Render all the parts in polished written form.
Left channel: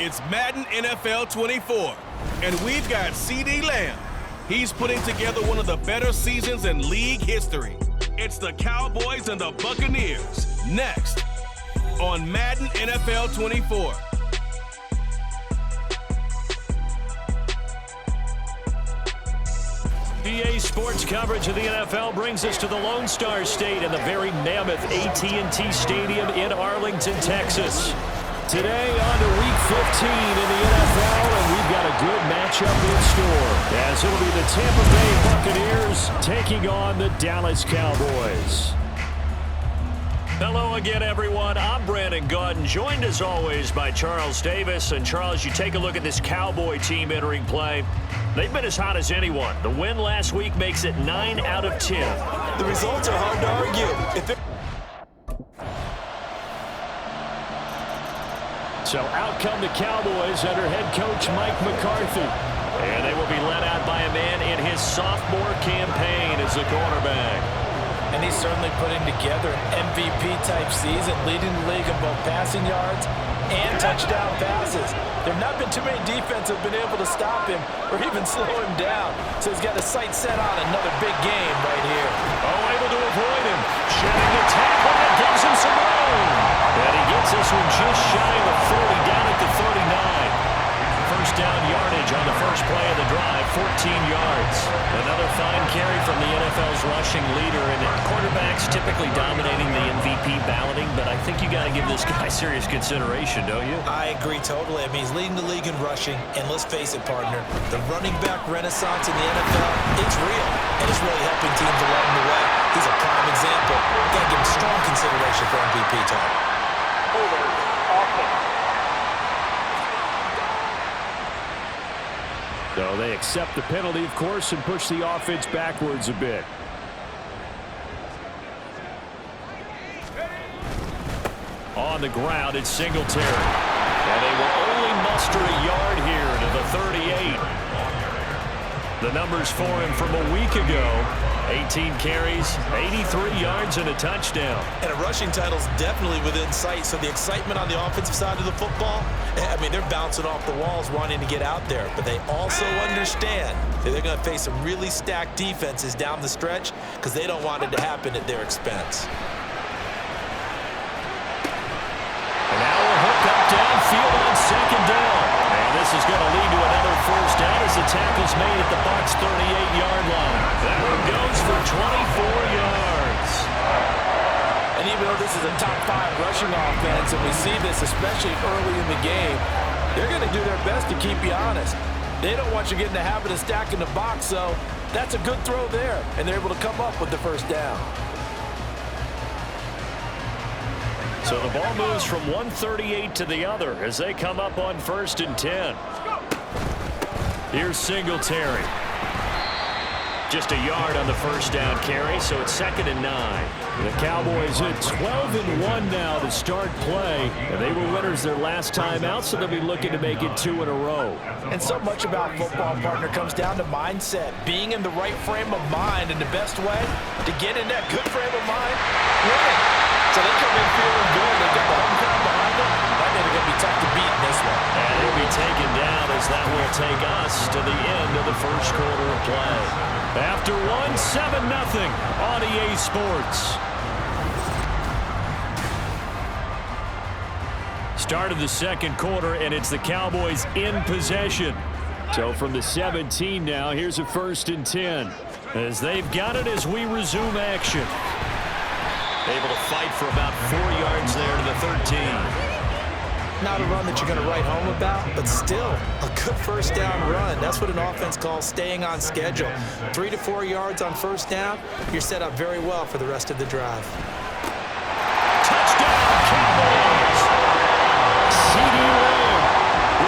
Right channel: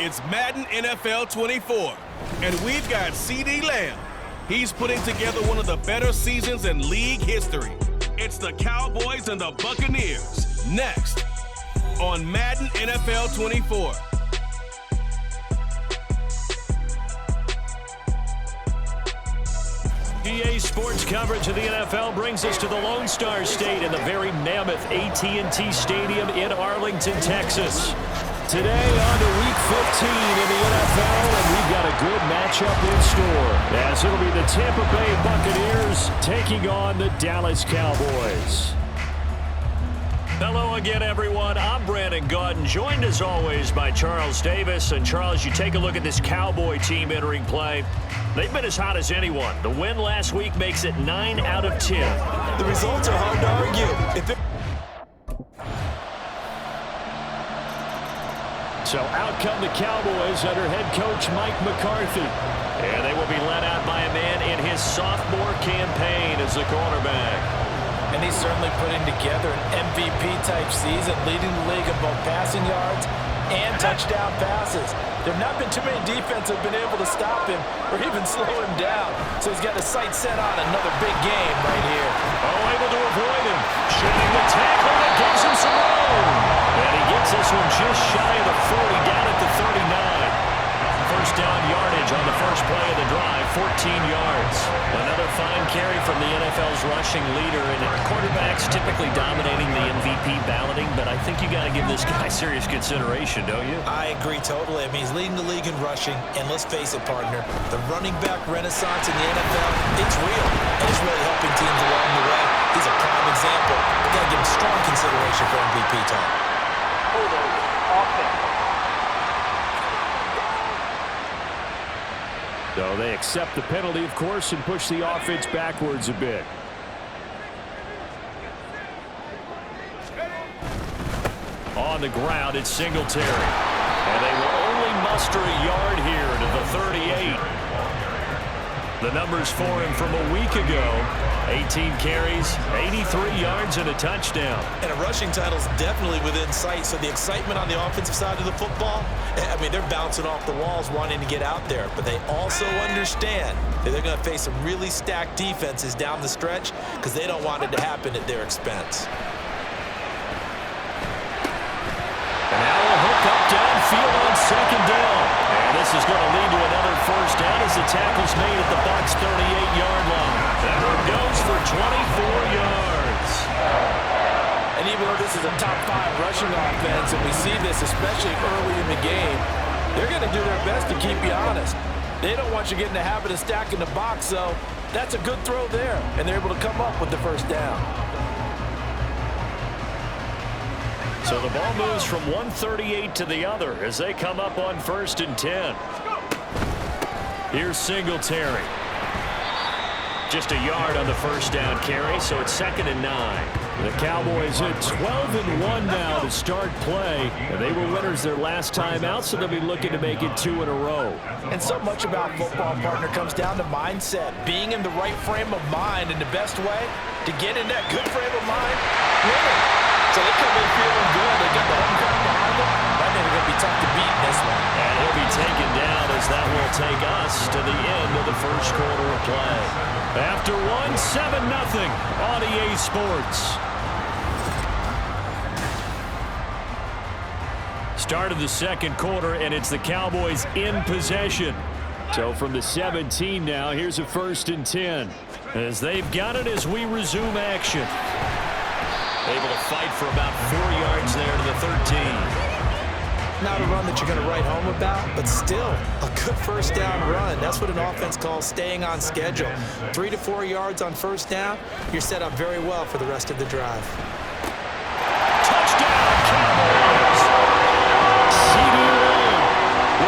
It's Madden NFL 24, and we've got CeeDee Lamb. He's putting together one of the better seasons in league history. It's the Cowboys and the Buccaneers, next on Madden NFL 24. EA Sports coverage of the NFL brings us to the Lone Star State in the very mammoth AT&T Stadium in Arlington, Texas. Today on to Week 15 in the NFL, and we've got a good matchup in store, as it'll be the Tampa Bay Buccaneers taking on the Dallas Cowboys. Hello again, everyone. I'm Brandon Gaudin, joined as always by Charles Davis. And Charles, you take a look at this Cowboy team entering play. They've been as hot as anyone. The win last week makes it 9 out of 10. The results are hard to argue. So out come the Cowboys under head coach Mike McCarthy. And they will be led out by a man in his sophomore campaign as the quarterback. And he's certainly putting together an MVP-type season, leading the league in both passing yards and touchdown passes. There have not been too many defenses have been able to stop him or even slow him down. So he's got his sights set on another big game right here. Oh, able to avoid him. Shedding the tackle that gives him some room. And he gets this one just shy of the 40, down at the 39. First down yardage on the first play of the drive, 14 yards. Another fine carry from the NFL's rushing leader, and quarterbacks typically dominating the MVP balloting, but I think you got to give this guy serious consideration, don't you? I agree totally. I mean, he's leading the league in rushing, and let's face it, partner, the running back renaissance in the NFL, it's real, and it's really helping teams along the way. He's a prime example. Got to give him strong consideration for MVP talk. Holding offense. So they accept the penalty, of course, and push the offense backwards a bit. On the ground, it's Singletary. And they will only muster a yard here to the 38. The numbers for him from a week ago: 18 carries, 83 yards, and a touchdown. And a rushing title's definitely within sight, so the excitement on the offensive side of the football, I mean, they're bouncing off the walls wanting to get out there, but they also understand that they're going to face some really stacked defenses down the stretch because they don't want it to happen at their expense. And now a hook up downfield on second down. And this is going to lead to another first down as the tackle's made at the Bucs' 38-yard line. That one goes for 24 yards. And even though this is a top 5 rushing offense, and we see this especially early in the game, they're going to do their best to keep you honest. They don't want you getting the habit of stacking the box, so that's a good throw there, and they're able to come up with the first down. So the ball moves from 138 to the other as they come up on 1st and 10. Here's Singletary. Just a yard on the first down carry, so it's 2nd and 9. The Cowboys at 12-1 now to start play, and they were winners their last time out, so they'll be looking to make it 2 in a row. And so much about football, partner, comes down to mindset, being in the right frame of mind, and the best way to get in that good frame of mind, winning. So they come in feeling good. They got the home crowd behind them. I think they're going to be tough to beat in this one. And he'll be taken down as that will take us to the end of the first quarter of play. After 7-0 on EA Sports. Start of the second quarter, and it's the Cowboys in possession. So from the 17 now, here's a 1st and 10. As they've got it as we resume action. Able to fight for about 4 yards there to the 13. Not a run that you're going to write home about, but still a good first down run. That's what an offense calls staying on schedule. 3 to 4 yards on first down, you're set up very well for the rest of the drive. Touchdown, Cowboys! CeeDee Lamb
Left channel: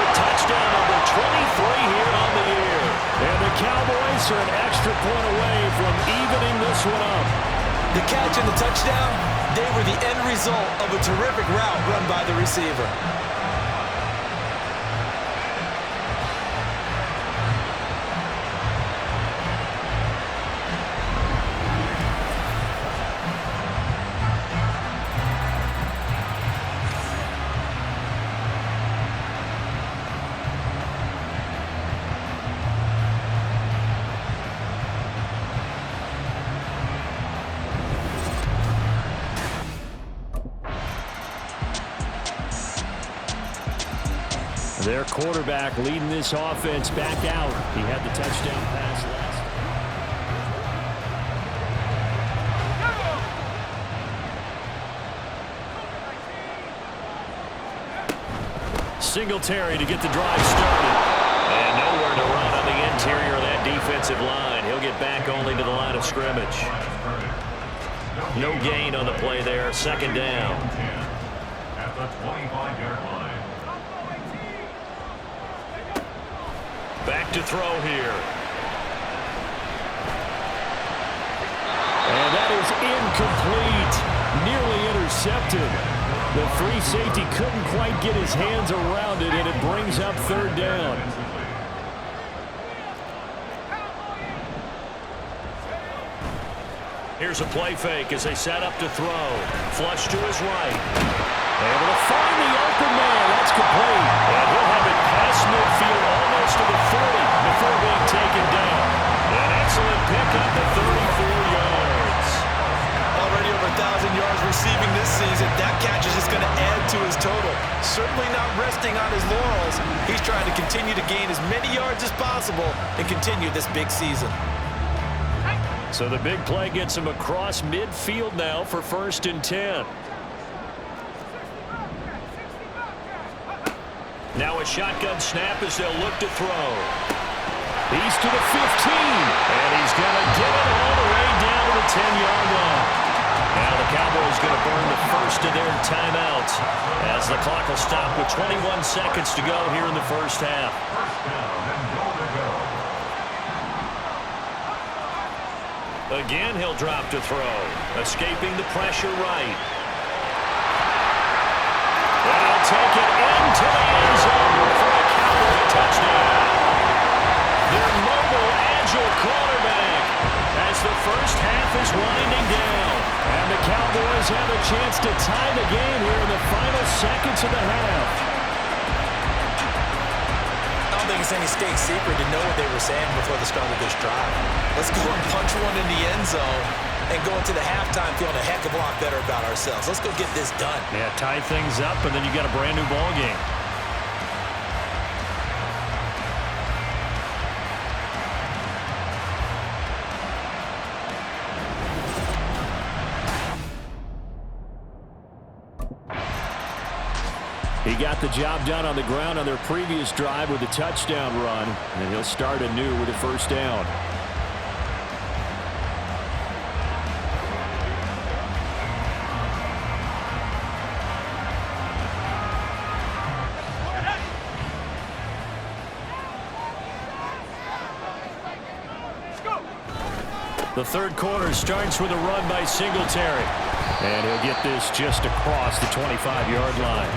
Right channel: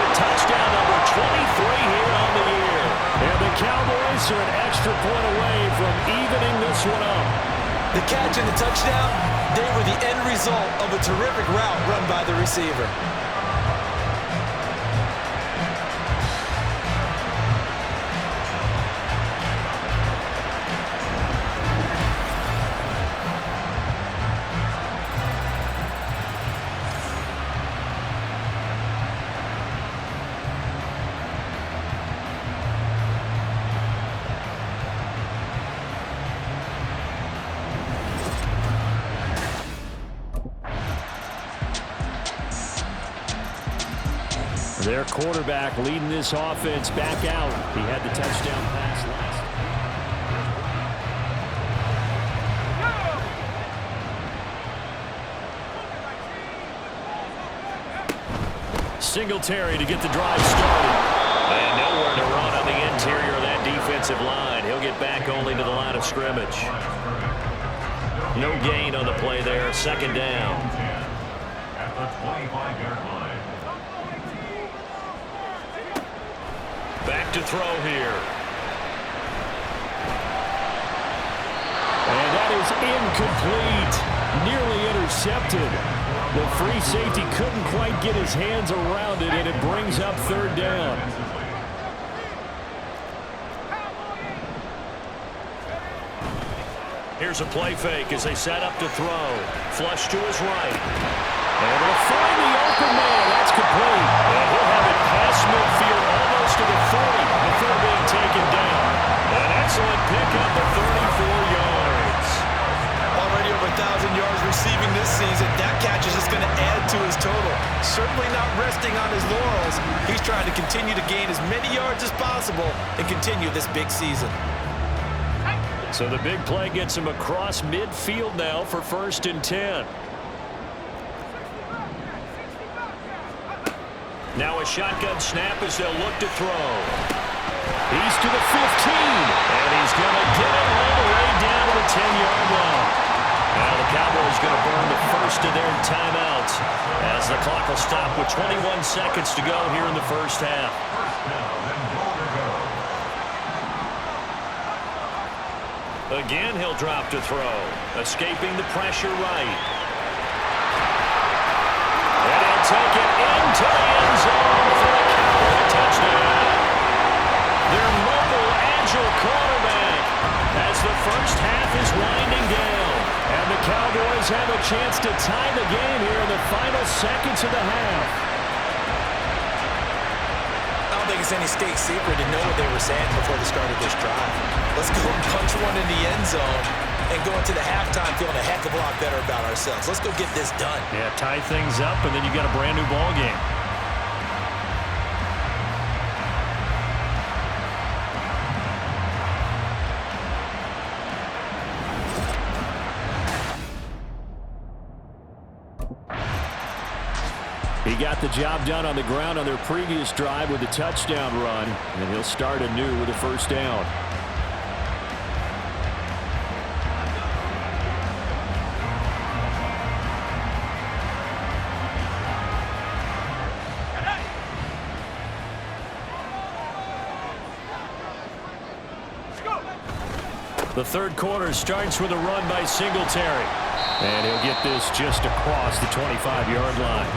with touchdown number 23 here on the year. And the Cowboys are an extra point away from evening this one up. The catch and the touchdown, they were the end result of a terrific route run by the receiver. Their quarterback leading this offense back out. He had the touchdown pass last. Singletary to get the drive started. And nowhere to run on the interior of that defensive line. He'll get back only to the line of scrimmage. No gain on the play there. Second down. At the 25-yard line. Back to throw here. And that is incomplete. Nearly intercepted. The free safety couldn't quite get his hands around it, and it brings up third down. Here's a play fake as they set up to throw. Flush to his right. Able to find the open man. That's complete. And he'll have it past midfield almost to the 40 before being taken down. An excellent pickup at 34 yards. Already over 1,000 yards receiving this season. That catch is just going to add to his total. Certainly not resting on his laurels. He's trying to continue to gain as many yards as possible and continue this big season. So the big play gets him across midfield now for 1st and 10. Now a shotgun snap as they'll look to throw. He's to the 15, and he's going to get it all the way down to the 10-yard line. Now the Cowboys going to burn the first of their timeouts as the clock will stop with 21 seconds to go here in the first half. Again, he'll drop to throw, escaping the pressure right. And he'll take it into the end zone for a Cowboy touchdown. Their mobile, agile quarterback as the first half is winding down. And the Cowboys have a chance to tie the game here in the final seconds of the half. I don't think it's any state secret to know what they were saying before the start of this drive. Let's go and punch one in the end zone and go into the halftime feeling a heck of a lot better about ourselves. Let's go get this done. Yeah, tie things up, and then you got a brand new ball game. He got the job done on the ground on their previous drive with a touchdown run, and he'll start anew with a first down. The third quarter starts with a run by Singletary, and he'll get this just across the 25-yard line.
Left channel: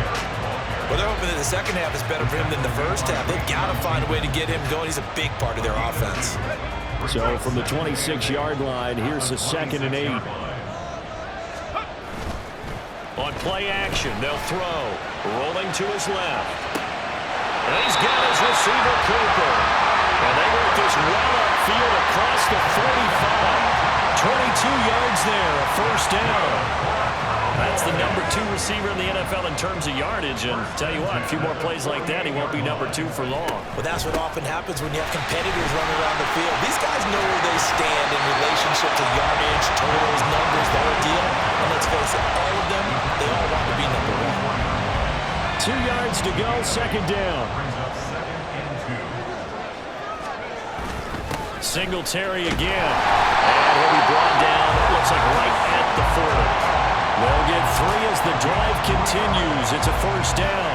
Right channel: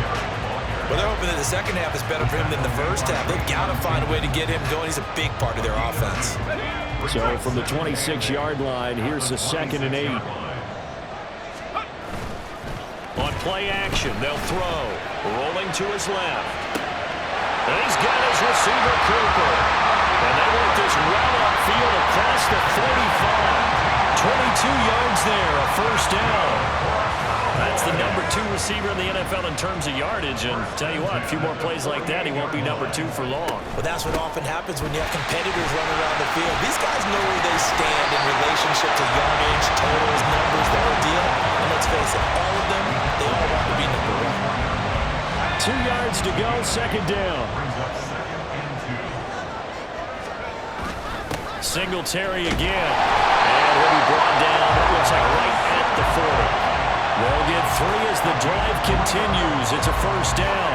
Well, they're hoping that the second half is better for him than the first half. They've got to find a way to get him going. He's a big part of their offense. So from the 26-yard line, here's the 2nd and 8. On play action, they'll throw. Rolling to his left. And he's got his receiver, Cooper. And they work this well upfield across the 45. 22 yards there, a first down. That's the number 2 receiver in the NFL in terms of yardage. And tell you what, a few more plays like that, he won't be number 2 for long. But that's what often happens when you have competitors running around the field. These guys know where they stand in relationship to yardage, totals, numbers, the whole deal. And let's face it, all of them, they all want to be number 1. 2 yards to go, second down. Singletary again. And he'll be brought down, it looks like right at the 40. They'll get 3 as the drive continues. It's a first down.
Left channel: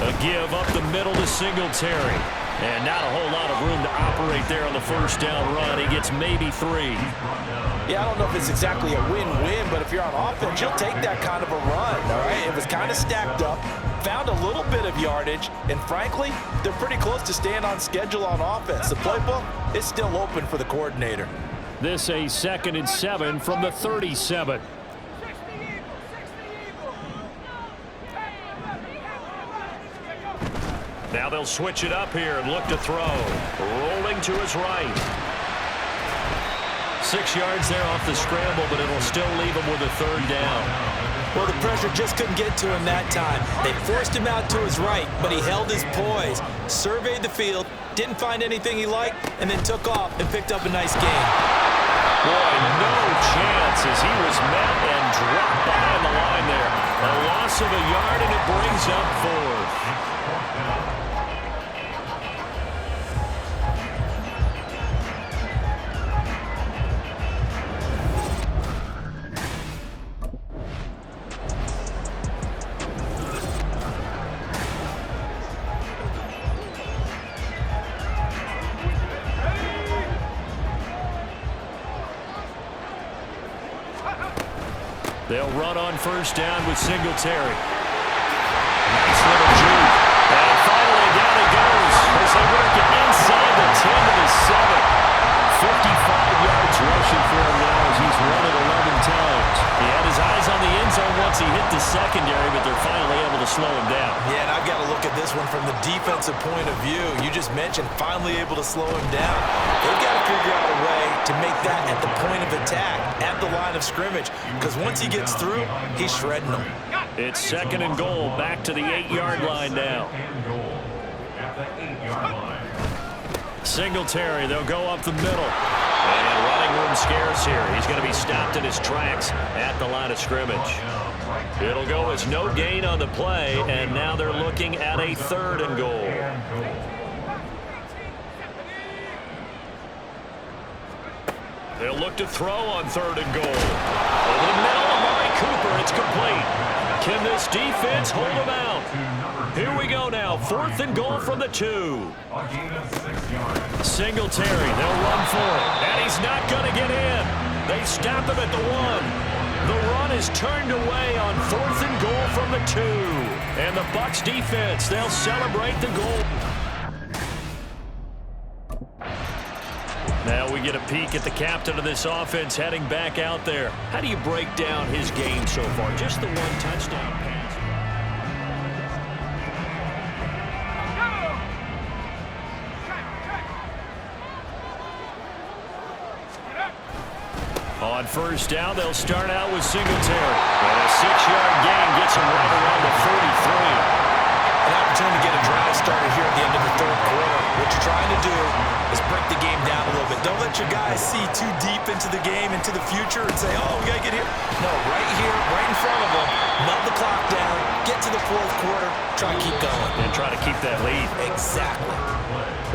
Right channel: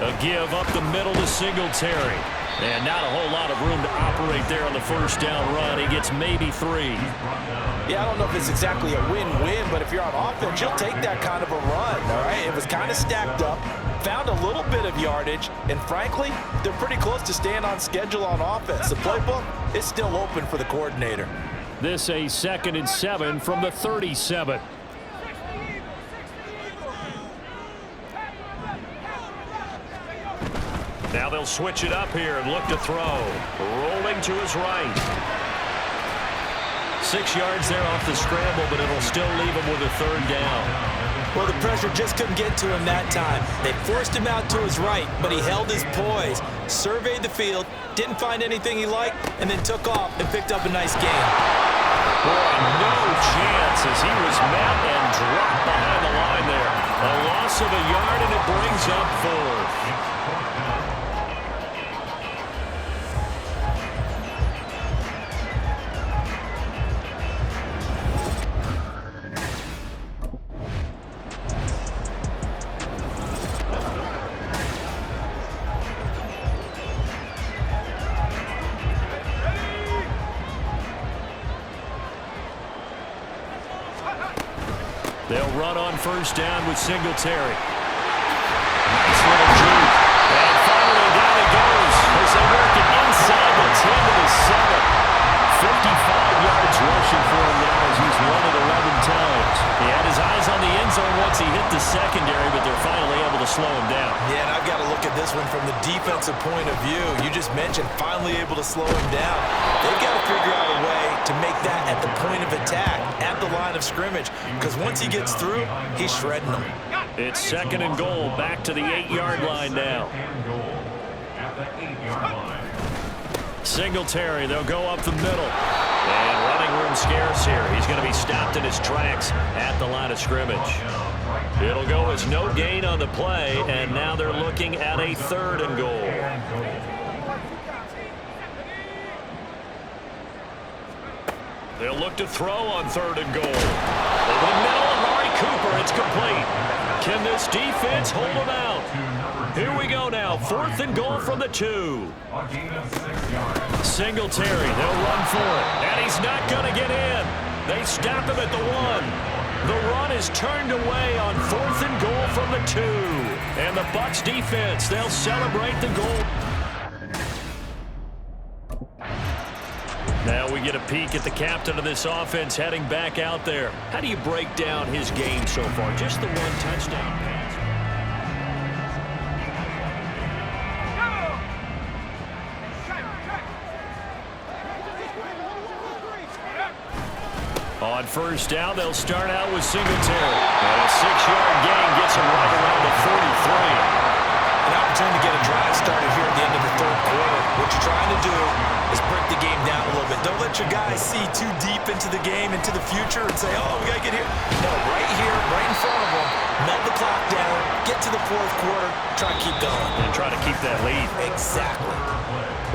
A give up the middle to Singletary. And not a whole lot of room to operate there on the first down run. He gets maybe 3. Yeah, I don't know if it's exactly a win-win, but if you're on offense, you'll take that kind of a run, all right? It was kind of stacked up, found a little bit of yardage, and frankly, they're pretty close to staying on schedule on offense. The playbook is still open for the coordinator. This a 2nd and 7 from the 37. Now they'll switch it up here and look to throw. Rolling to his right. 6 yards there off the scramble, but it'll still leave him with a 3rd down. Well, the pressure just couldn't get to him that time. They forced him out to his right, but he held his poise, surveyed the field, didn't find anything he liked, and then took off and picked up a nice gain. Boy, no chance as he was met and dropped behind the line there. A loss of a yard, and it brings up 4th. They'll run on 1st down with Singletary. Nice little juke. And finally down it goes as they work it inside the 10 to the 7. 55 yards rushing for him now as he's run it 11 times. He had his eyes on the end zone once he hit the secondary, but they're finally able to slow him down. Yeah, and I've got to look at this one from the defensive point of view. You just mentioned finally able to slow him down. They've got to figure out a way to make that at the point of attack, at the line of scrimmage, because once he gets through, he's shredding them. It's 2nd and goal, back to the 8-yard line now. Singletary, they'll go up the middle. And running room scarce here. He's going to be stopped in his tracks at the line of scrimmage. It'll go as no gain on the play, and now they're looking at a 3rd and goal. They'll look to throw on 3rd and goal. Over the middle, Amari Cooper, it's complete. Can this defense hold him out? Here we go now, 4th and goal from the 2. Singletary, they'll run for it, and he's not going to get in. They stop him at the 1. The run is turned away on 4th and goal from the 2. And the Bucs defense, they'll celebrate the goal. Now we get a peek at the captain of this offense heading back out there. How do you break down his game so far? Just the 1 touchdown pass. On 1st down, they'll start out with Singletary. And a 6-yard gain gets him right around the 43. An opportunity to get a drive started here at the end of the 3rd quarter. What you're trying to do is break the game down a little bit. Don't let your guys see too deep into the game, into the future, and say, oh, we got to get here. No, right here, right in front of them, melt the clock down, get to the 4th quarter, try and keep going. And try to keep that lead. Exactly.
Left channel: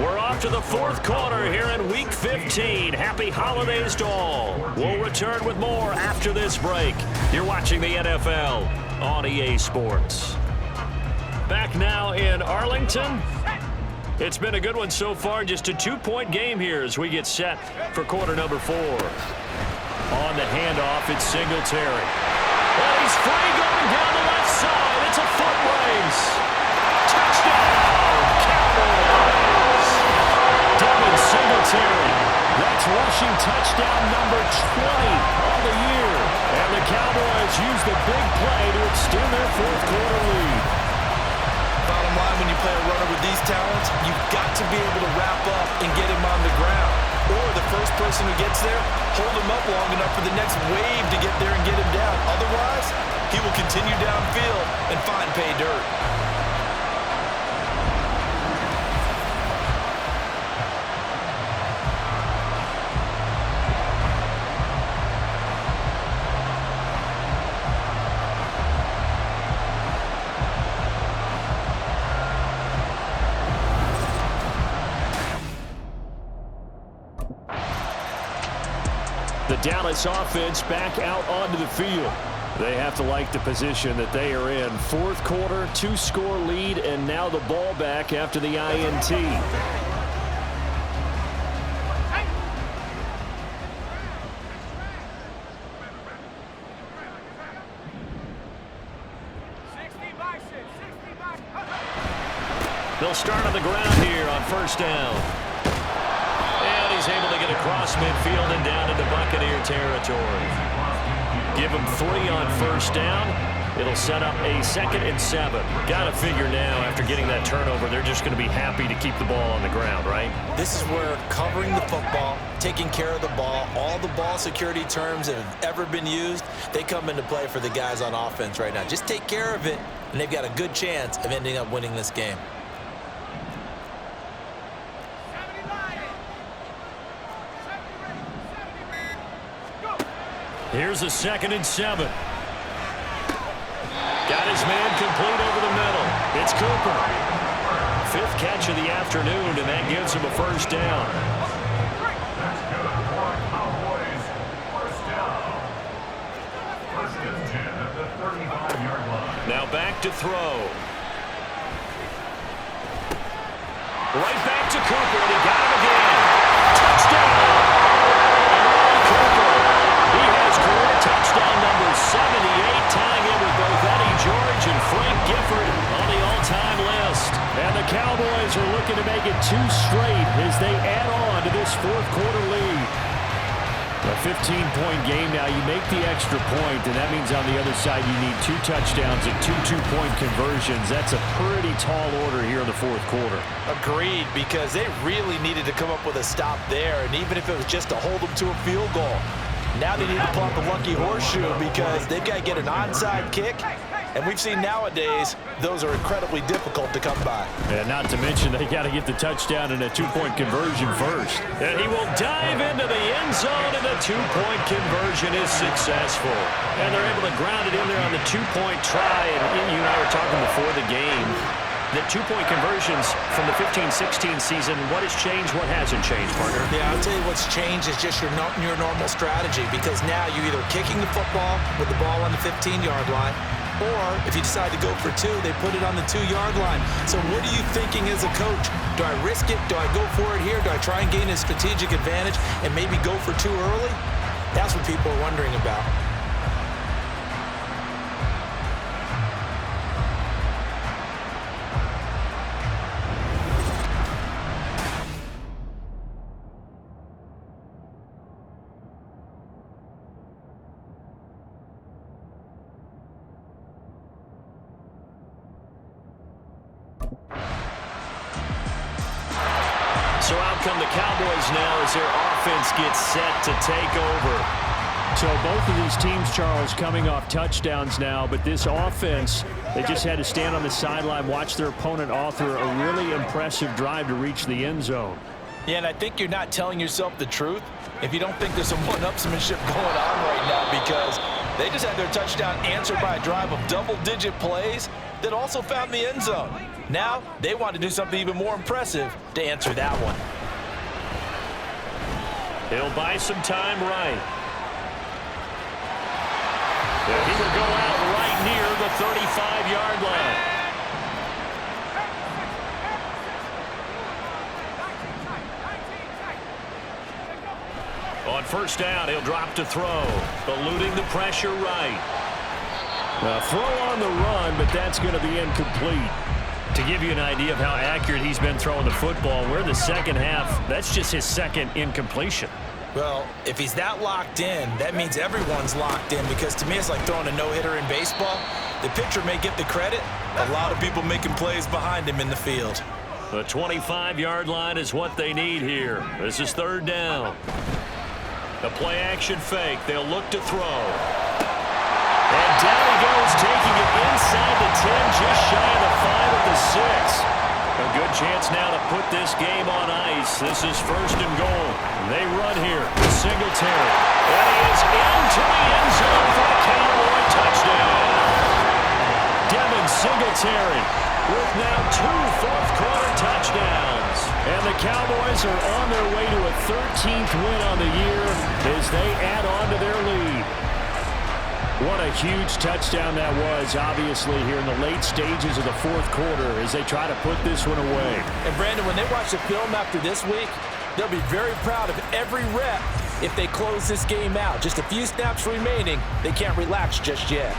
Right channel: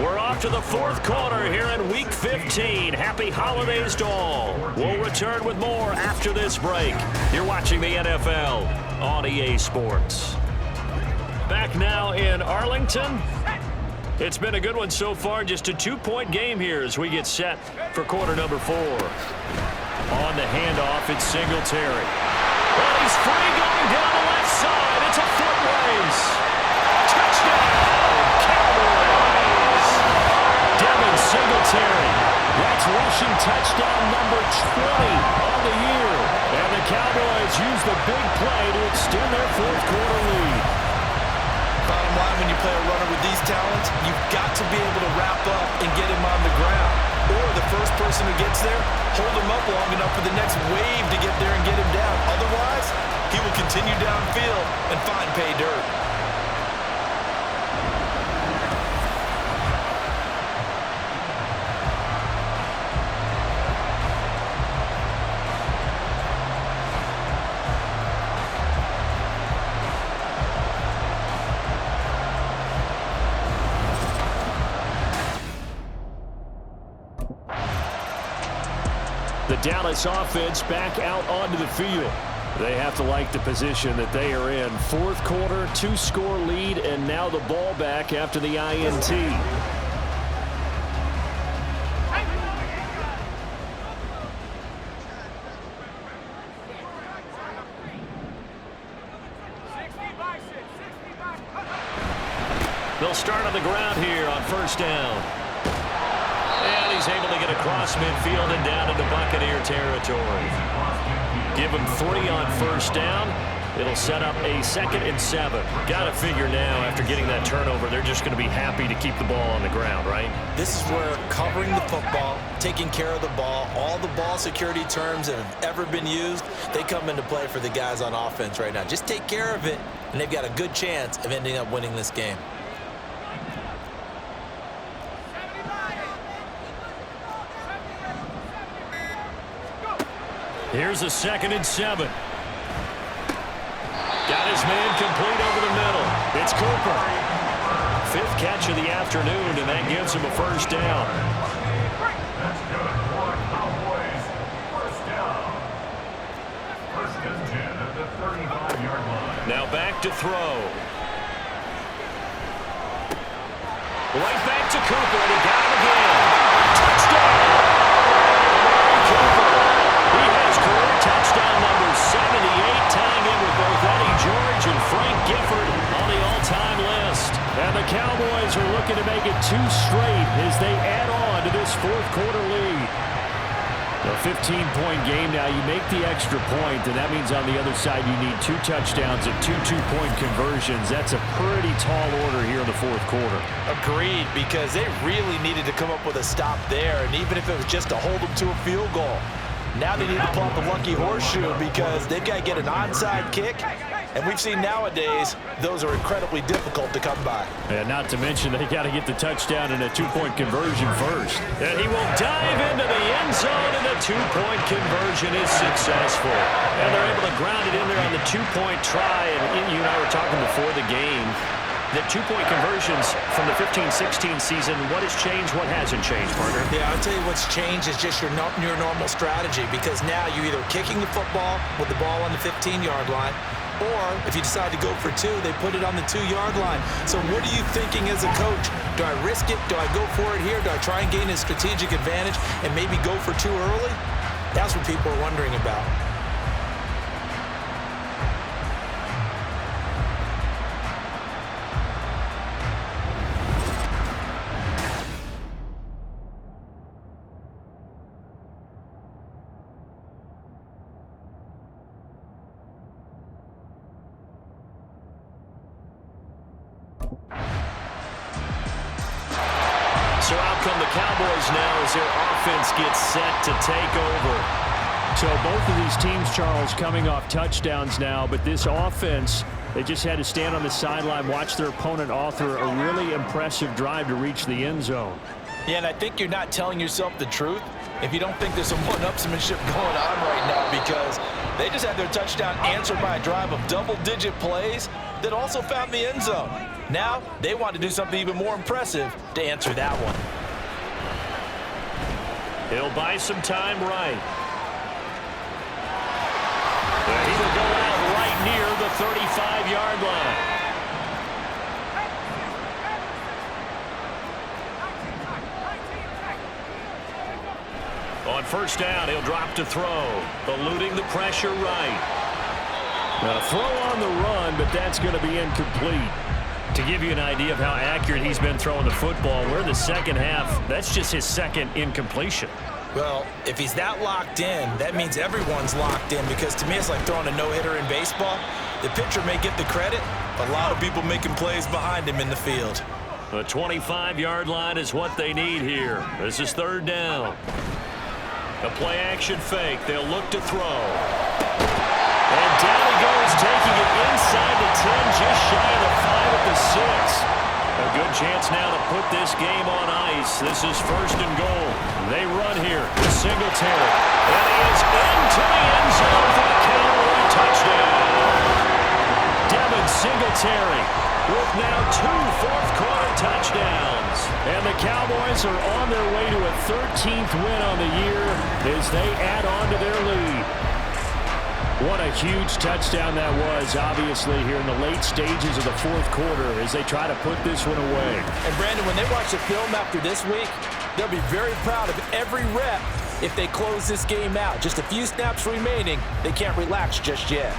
We're off to the 4th quarter here in Week 15. Happy holidays to all. We'll return with more after this break. You're watching the NFL on EA Sports. Back now in Arlington. It's been a good one so far. Just a 2-point game here as we get set for quarter number 4. On the handoff, it's Singletary. And he's free going down the left side. It's a foot race. Touchdown, Cowboys. Devin Singletary. That's rushing touchdown number 20 on the year. And the Cowboys use the big play to extend their 4th quarter lead. Bottom line, when you play a runner with these talents, you've got to be able to wrap up and get him on the ground. Or the first person who gets there, hold him up long enough for the next wave to get there and get him down. Otherwise, he will continue downfield and find pay dirt. The Dallas offense back out onto the field. They have to like the position that they are in. 4th quarter, 2-score lead, and now the ball back after the INT. They'll start on the ground here on 1st down. And he's able to get across midfield and down into Buccaneer territory. Give him 3 on 1st down. It'll set up a 2nd and 7. Got to figure now, after getting that turnover, they're just going to be happy to keep the ball on the ground, right? This is where covering the football, taking care of the ball, all the ball security terms that have ever been used, they come into play for the guys on offense right now. Just take care of it, and they've got a good chance of ending up winning this game. Here's a 2nd and 7. Got his man complete over the middle. It's Cooper. 5th catch of the afternoon, and that gives him a first down. That's good for Cowboys. First down. 1st and 10 at the 35-yard line. Now back to throw. Right back to Cooper, and he got him again. Touchdown! Amari Cooper. He has career touchdown number 78, tying in with both Eddie George and Frank Gifford on the all-time list. And the Cowboys are looking to make it 2 straight as they add on to this 4th quarter lead. A 15-point game now. You make the extra point, and that means on the other side you need 2 touchdowns and 2 two-point conversions. That's a pretty tall order here in the 4th quarter. Agreed, because they really needed to come up with a stop there, and even if it was just to hold them to a field goal. Now they need to pull out the lucky horseshoe because they've got to get an onside kick. And we've seen nowadays those are incredibly difficult to come by. And not to mention they got to get the touchdown and a 2-point conversion first. And he will dive into the end zone, and the 2-point conversion is successful. And they're able to ground it in there on the 2-point try. And you and I were talking before the game. The 2-point conversions from the 15-16 season, what has changed, what hasn't changed, partner? Yeah, I'll tell you what's changed is just your normal strategy, because now you're either kicking the football with the ball on the 15-yard line, or if you decide to go for 2, they put it on the 2-yard line. So what are you thinking as a coach? Do I risk it? Do I go for it here? Do I try and gain a strategic advantage and maybe go for 2 early? That's what people are wondering about. So out come the Cowboys now as their offense gets set to take over. So both of these teams, Charles, coming off touchdowns now, but this offense, they just had to stand on the sideline, watch their opponent author a really impressive drive to reach the end zone. Yeah, and I think you're not telling yourself the truth if you don't think there's some one-upsmanship going on right now, because they just had their touchdown answered by a drive of double-digit plays that also found the end zone. Now they want to do something even more impressive to answer that one. He'll buy some time right. He will go out right near the 35-yard line. On first down, he'll drop to throw, eluding the pressure right. A throw on the run, but that's going to be incomplete. To give you an idea of how accurate he's been throwing the football, we're in the second half. That's just his 2nd incompletion. Well, if he's that locked in, that means everyone's locked in, because to me it's like throwing a no-hitter in baseball. The pitcher may get the credit, a lot of people making plays behind him in the field. The 25-yard line is what they need here. This is 3rd down. A play-action fake. They'll look to throw. And down he goes, taking it inside the 10, just shy of the 5 at the 6. A good chance now to put this game on ice. This is 1st and goal. They run here with Singletary. And he is into the end zone for the Cowboy touchdown. Devin Singletary with now 2 fourth-quarter touchdowns. And the Cowboys are on their way to a 13th win on the year as they add on to their lead. What a huge touchdown that was, obviously, here in the late stages of the 4th quarter as they try to put this one away. And, Brandon, when they watch the film after this week, they'll be very proud of every rep if they close this game out. Just a few snaps remaining. They can't relax just yet.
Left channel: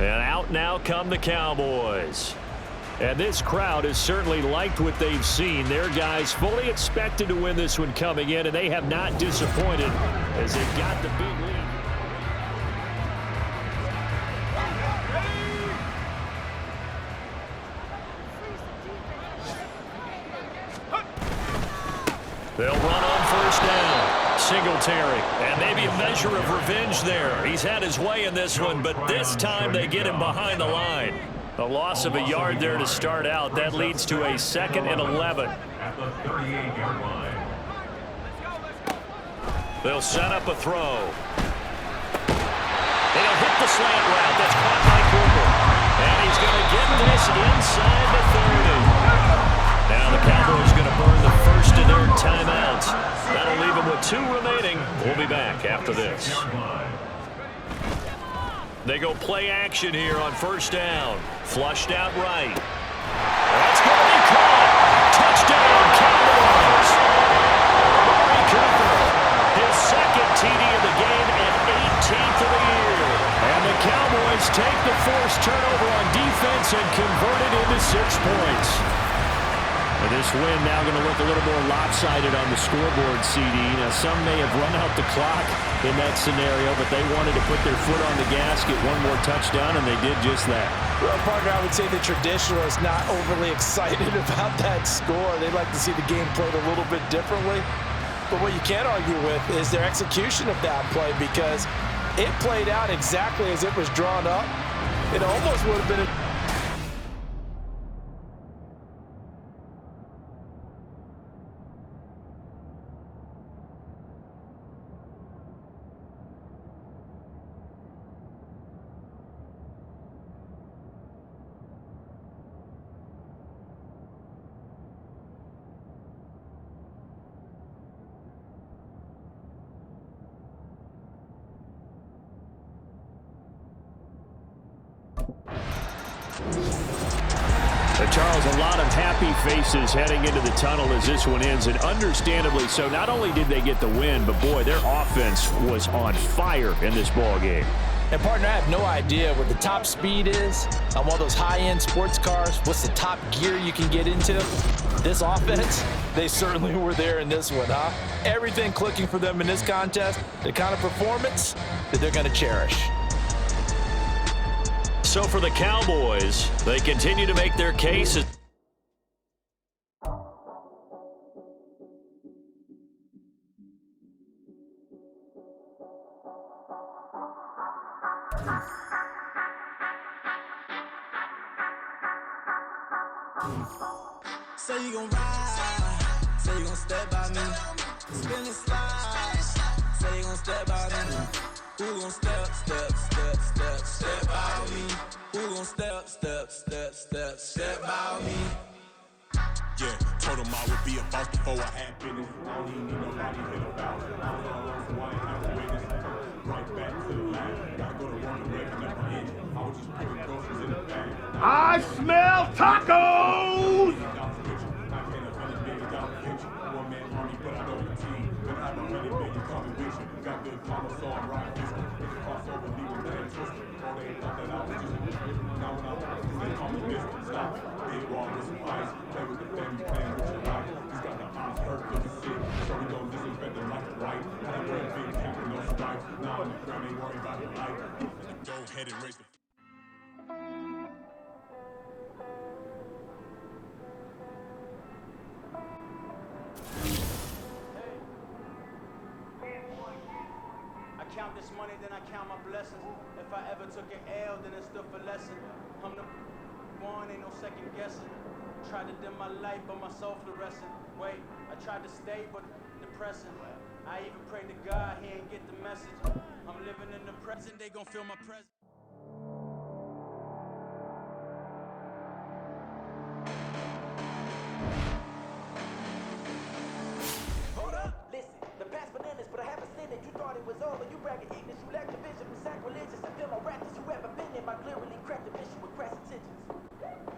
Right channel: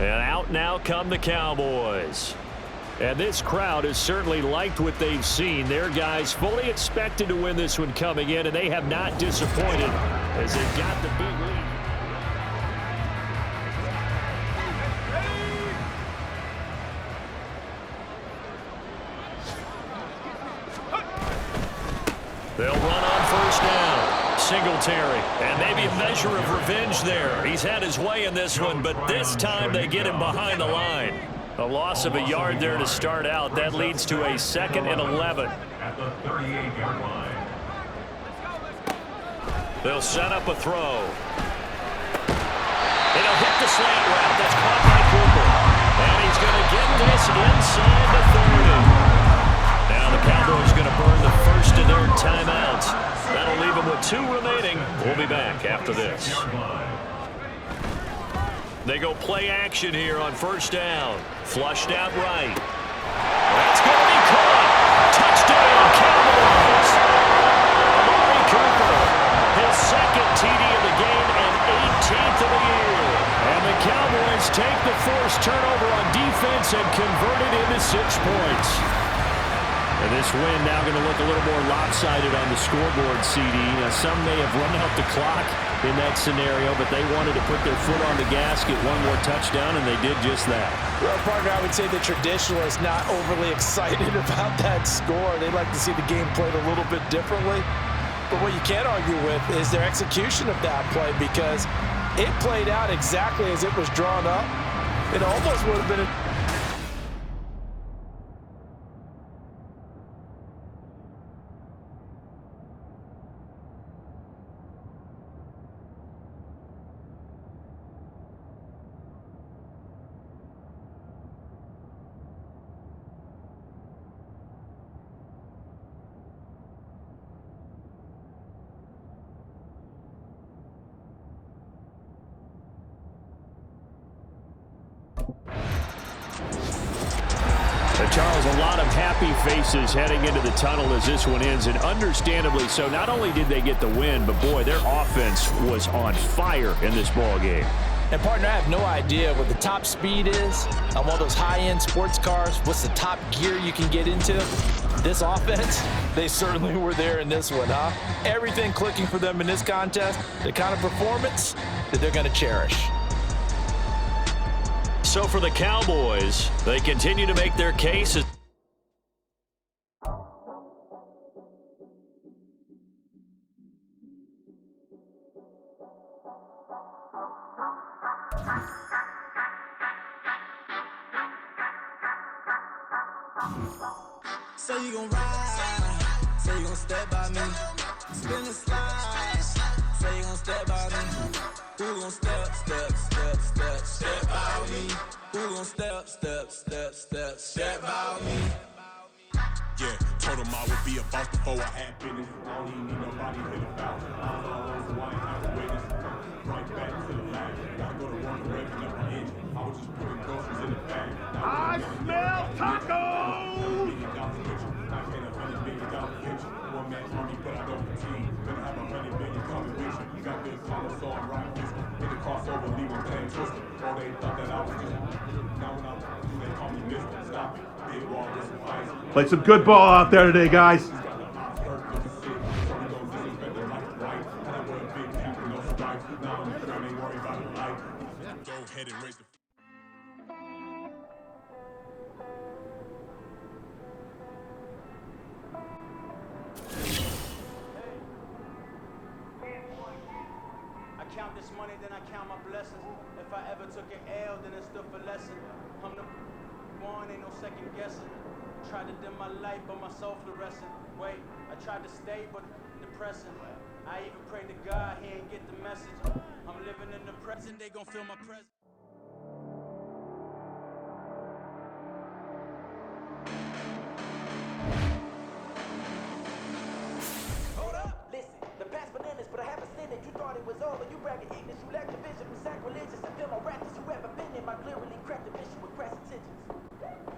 And out now come the Cowboys. And this crowd has certainly liked what they've seen. Their guys fully expected to win this one coming in, and they have not disappointed as they got the big lead. They'll run on first down. Singletary. And maybe a measure of revenge there. He's had his way in this one, but this time they get him behind the line. A loss of a yard there to start out. That leads to a 2nd and 11. At the 38-yard line. They'll set up a throw. And he'll hit the slant route. That's caught by Cooper. And he's going to get this inside the 30. Now the Cowboys going to burn the first of their timeouts. That'll leave them with 2 remaining. We'll be back after this. They go play action here on first down. Flushed out right. That's going to be caught. Touchdown, Cowboys. Amari Cooper, his 2nd TD of the game and 18th of the year. And the Cowboys take the forced turnover on defense and convert it into 6 points. And this win now going to look a little more lopsided on the scoreboard, CD. Now, some may have run out the clock in that scenario, but they wanted to put their foot on the gas, get one more touchdown, and they did just that. Well, partner, I would say the traditionalists not overly excited about that score. They'd like to see the game played a little bit differently. But what you can't argue with is their execution of that play, because it played out exactly as it was drawn up. It almost would have been a Charles, a lot of happy faces heading into the tunnel as this one ends, and understandably so. Not only did they get the win, but boy, their offense was on fire in this ball game. And partner, I have no idea what the top speed is on one of those high-end sports cars. What's the top gear you can get into? This offense, they certainly were there in this one, huh? Everything clicking for them in this contest, the kind of performance that they're going to cherish. So for the Cowboys, they continue to make their case. Say you gon' ride, say you gon' step by me, spin and slide, say you gon' step by me. Who gon' step by me? Who gon' step by me? Yeah, told him I would be a boss before I had business. I don't even need nobody hit about. I'm all so I ain't have to witness. Right back to the lab. Gotta go to work and revving up my engine. I was just putting groceries in the bag. I smell tacos! One man army, but I don't fatigue. Gonna have 100 million coming with you. Got good follow, so I'm right with you. Hit the crossover, leave them damn twisted. Oh, they thought that I was just. Now when I they call me Mr. Stop it. Big wall with some ice. Played some good ball out there today, guys. Go ahead and raise the. I count this money, then I count my blessings. If I ever took an L, then it stood for lesson. I'm the one, ain't no second guessing. Tried to dim my light, but my soul fluorescent. Wait, I tried to stay, but depressing. I even prayed to God, he ain't get the message. I'm living in the present, they gon' feel my presence. Listen, the past bananas, but I haven't seen it. You thought it was over. You bragging ignorance. You lack the vision from sacrilegious. I feel no rappers you ever been in. My clearly crafted mission with crass intentions.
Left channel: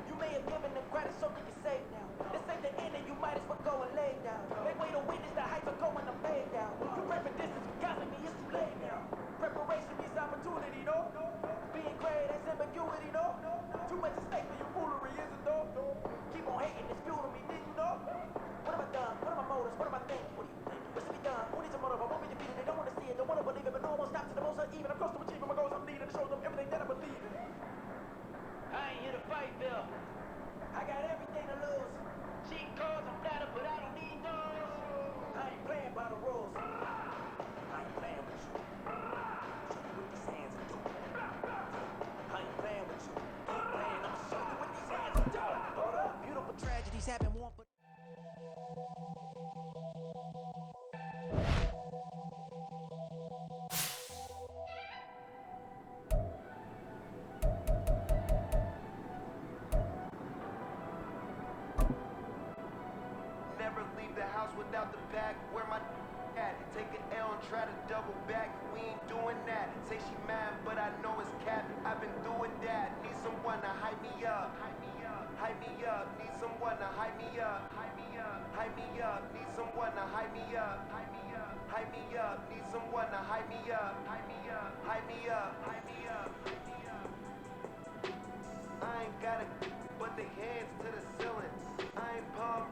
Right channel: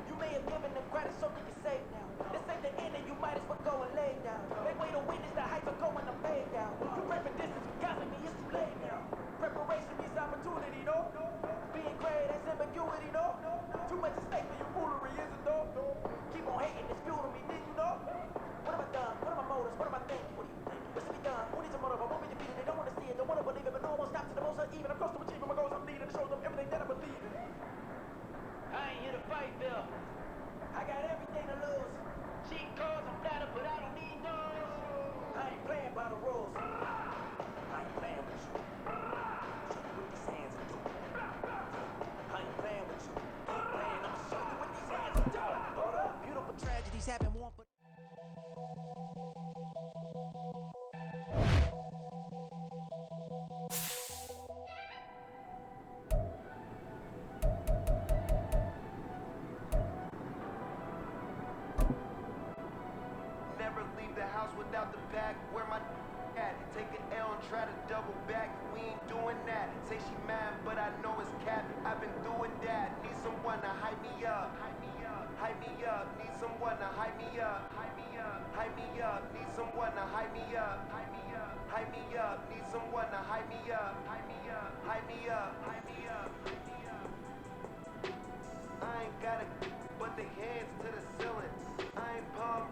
You may have given them credit so you can save now. This ain't the end and you might as well go and lay down. Make way to witness the heights are going to fade down. You pray for distance, gossip me, it's too late now. Preparation means opportunity, no? Being great as ambiguity. it. Don't wanna believe it, but no one stops to the most uneven. I'm close to achieving my goals. I'm leading to show them everything that I believe in. I ain't here to fight, Bill. I got everything to lose. Cheating cards, I'm flattered, but I don't need those. I ain't playing by the rules. I ain't playing with you. Show you what these hands are doing. I ain't playing with you. Keep playing, I'ma show you what these hands are doing. Hold up. Beautiful tragedies happen one for... Never leave the house without the bag. Where my at? Take an L and try to double back. We ain't doing that. Say she mad, but I know it's cap. I've been doing that. Need someone to hype me up. Hype me up. Hype me up. Need someone to hype me up. Hype me up. Hype me up. Need someone to hype me up. Hype me up. Hype me up. Need someone to hype me up. Hype me up. Hype me up. Hype me up. I ain't gotta